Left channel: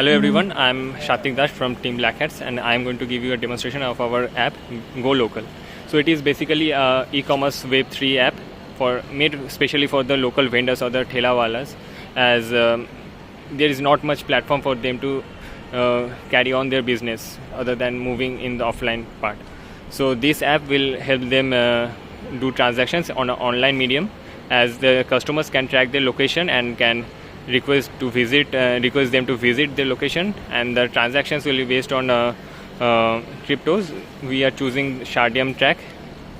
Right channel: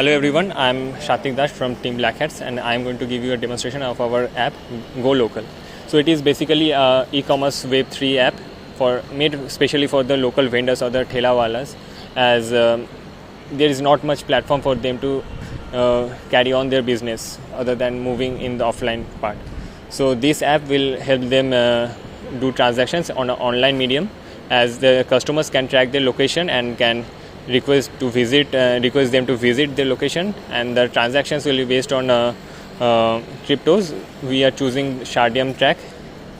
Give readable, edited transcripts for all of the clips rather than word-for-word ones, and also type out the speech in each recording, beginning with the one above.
Hello everyone, I'm Shatik Das from Team Black Hats and I'm going to give you a demonstration of our app GoLocal. So it is basically a e-commerce Web3 app made especially for the local vendors or the thelawalas, as there is not much platform for them to carry on their business other than moving in the offline part. So this app will help them do transactions on an online medium, as the customers can track their location and can request them to visit the location, and the transactions will be based on cryptos. We are choosing Shardium track,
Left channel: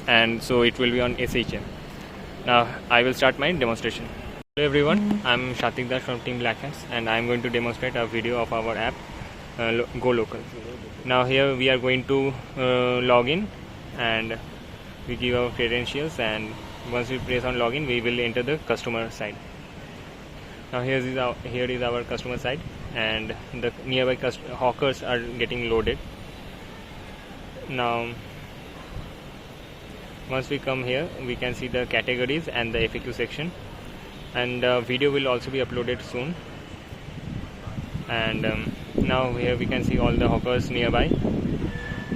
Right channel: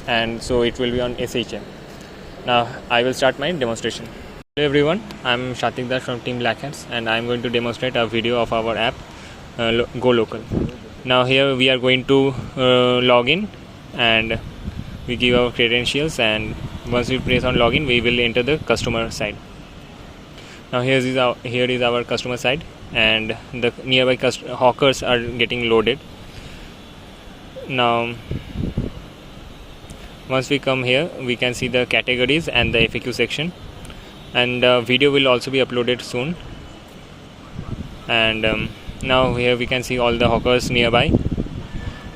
and so it will be on SHM. Now I will start my demonstration. Hello everyone, I'm Shatik Das from Team Black Hats and I'm going to demonstrate a video of our app GoLocal. Now here we are going to log in, and we give our credentials, and once we press on login we will enter the customer side. Now here is our customer side, and the nearby hawkers are getting loaded. Now once we come here, we can see the categories and the FAQ section, and video will also be uploaded soon. And now here we can see all the hawkers nearby,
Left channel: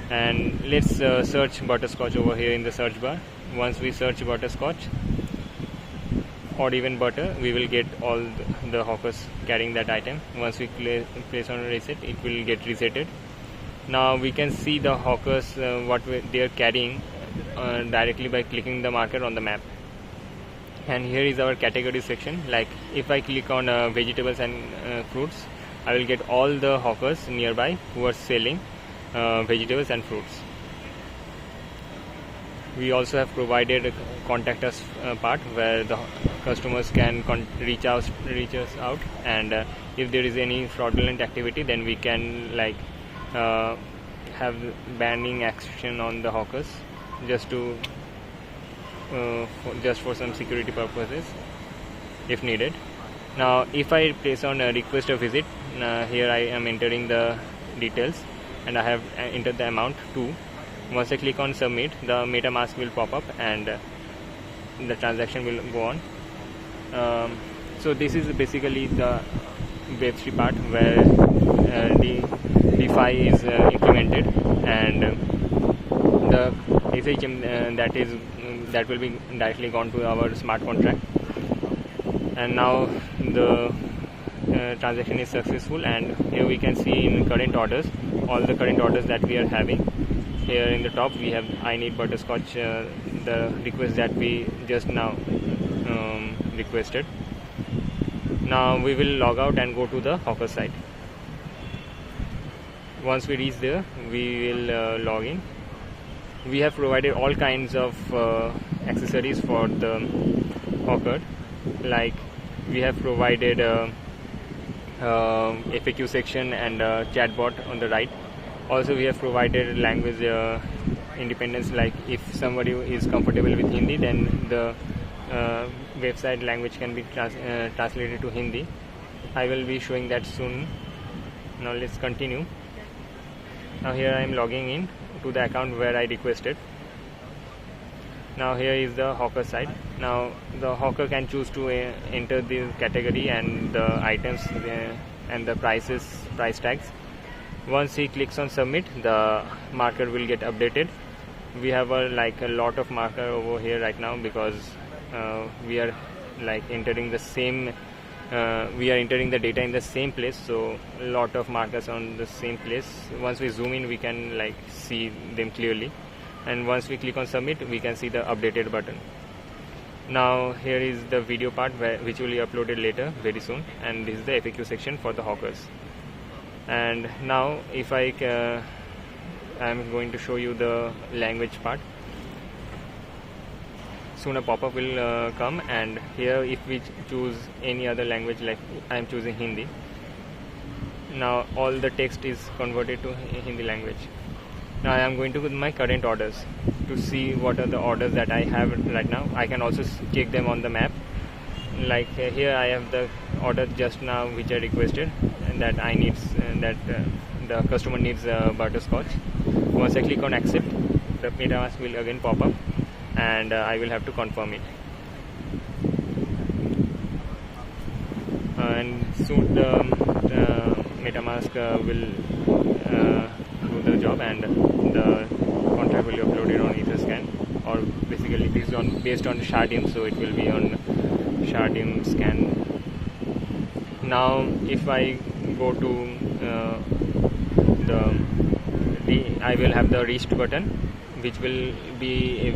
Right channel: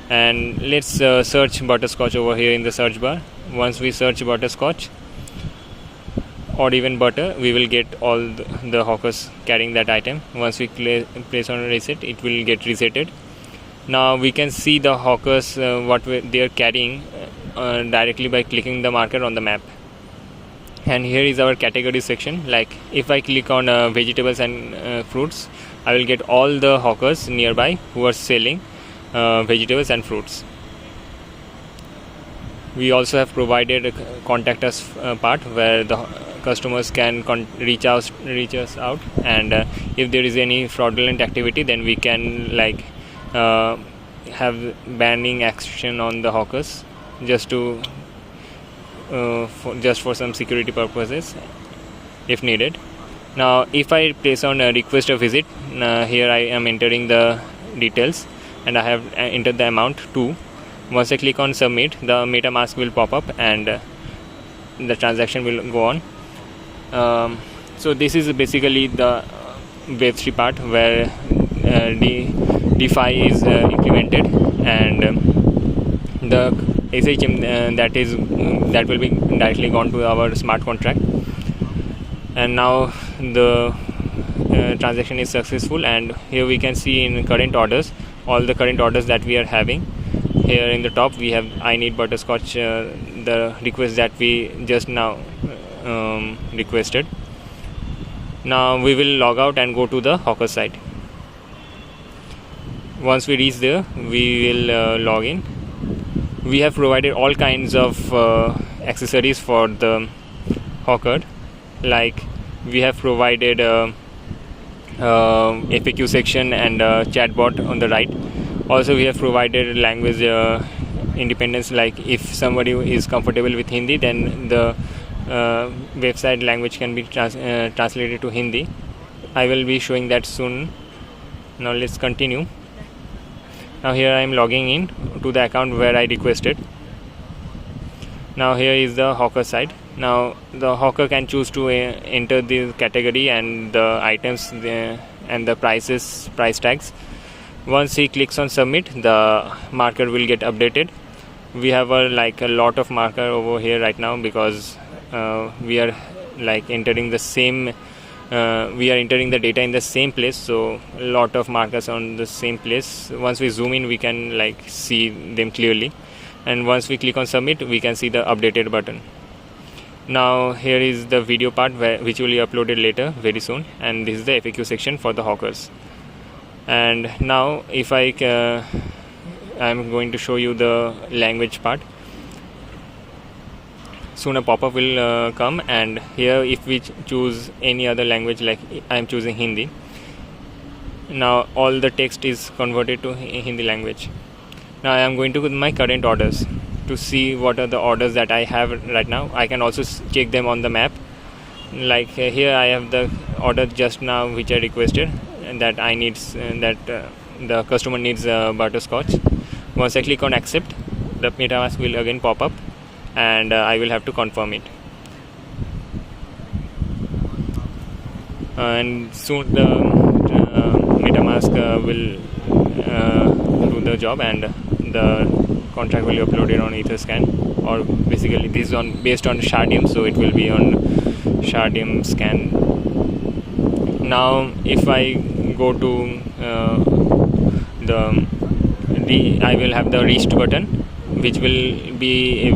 and let's search butterscotch over here in the search bar. Once we search butterscotch or even butter, we will get all the hawkers carrying that item. Once we place on reset, it will get resetted. Now we can see the hawkers what they are carrying directly by clicking the marker on the map. And here is our category section. Like if I click on vegetables and fruits, I will get all the hawkers nearby who are selling vegetables and fruits. We also have provided a contact us part where the customers can reach us out, and if there is any fraudulent activity, then we can have banning action on the hawkers, just for some security purposes if needed. Now if I place on a request a visit, here I am entering the details and I have entered the amount too. Once I click on submit, the MetaMask will pop up and the transaction will go on. So this is basically the Web3 part where DeFi is implemented, and the SHM that will be directly gone to our smart contract. And now the transaction is successful, and here we can see in current orders all the current orders that we are having. Here in the top we have I need butterscotch, the request that we just now requested. Now we will log out and go to the hawker site. Once we reach there, we will log in. We have provided all kinds of accessories for the hawker, like we have provided FAQ section and chatbot on the right. Also we have provided language independence, like if somebody is comfortable with Hindi, then the website language can be translated to Hindi. I will be showing that soon. Now let's continue. Now here I am logging in to the account where I requested. Now here is the hawker side. Now the hawker can choose to enter the category and the items and the price tags. Once he clicks on submit, the marker will get updated. We have a lot of marker over here right now, because we are entering the same we are entering the data in the same place, so a lot of markers on the same place. Once we zoom in, we can see them clearly, and once we click on submit, we can see the updated button. Now here is the video part which will be uploaded later very soon, and this is the FAQ section for the hawkers. And now if I'm going to show you the language part. Soon a pop-up will come, and here if we choose any other language, like I am choosing Hindi, now all the text is converted to Hindi language. Now I am going to go to my current orders to see what are the orders that I have right now. I can also check them on the map. Like here I have the order just now which I requested, and that I need the customer needs butterscotch. Once I click on accept, the MetaMask will again pop up, and I will have to confirm it. And soon the MetaMask MetaMask will do the job, and the contract will be uploaded on Etherscan, or basically this is based on Shardium, so it will be on Shardium scan. Now if I go to I will have the reached button, which will be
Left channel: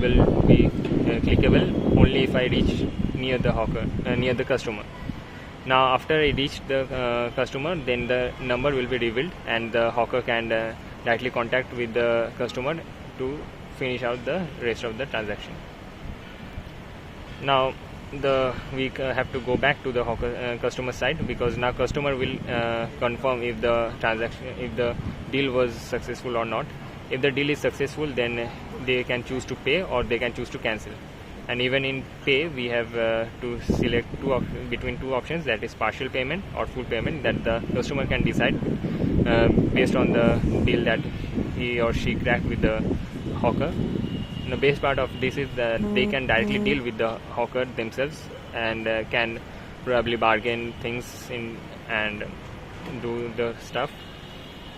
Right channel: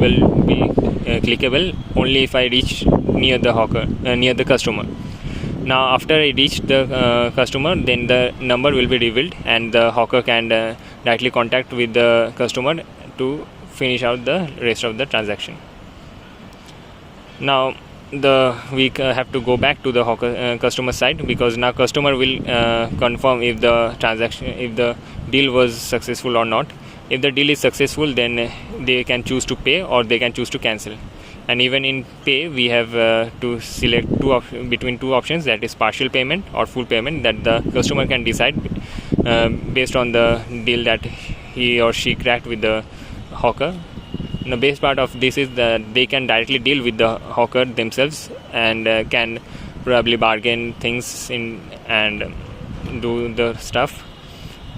clickable only if I reach near the customer. Now after I reach the customer, then the number will be revealed, and the hawker can directly contact with the customer to finish out the rest of the transaction. Now we have to go back to the hawker customer side, because now customer will confirm if the deal was successful or not. If the deal is successful, then they can choose to pay or they can choose to cancel. And even in pay, we have to select between two options, that is partial payment or full payment, that the customer can decide based on the deal that he or she cracked with the hawker. The best part of this is that they can directly deal with the hawker themselves, and can probably bargain things in and do the stuff.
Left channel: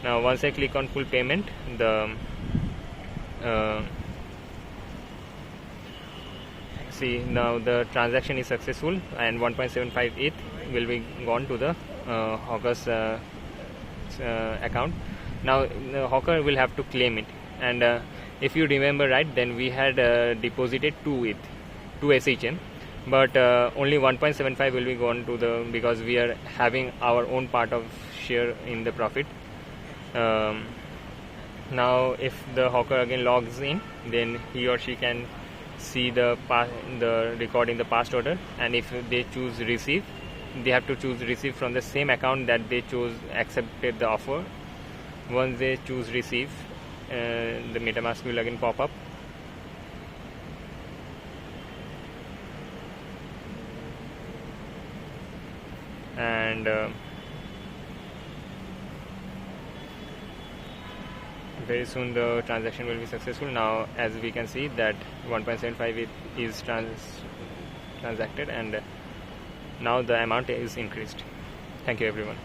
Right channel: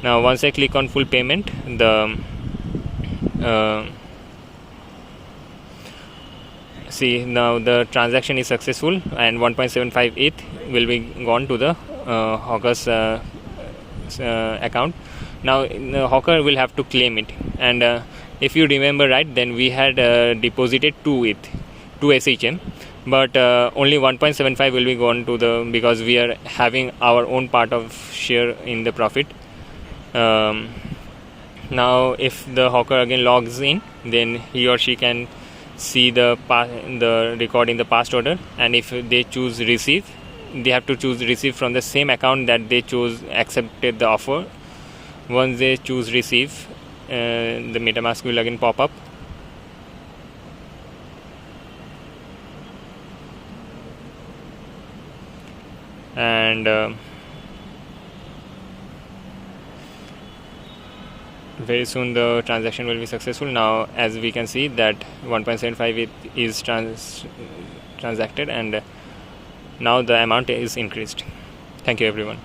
Now once I click on full payment, see, now the transaction is successful, and 1.75 ETH will be gone to the hawker's account. Now the hawker will have to claim it, and if you remember right, then we had deposited 2 ETH, 2 SHM, but only 1.75 will be gone to because we are having our own part of share in the profit. Now if the hawker again logs in, then he or she can see the record in the past order, and if they choose receive, they have to choose receive from the same account that they accepted the offer. Once they choose receive, the MetaMask will again pop up, and very soon the transaction will be successful. Now as we can see that 1.75 is transacted, and now the amount is increased. Thank you everyone.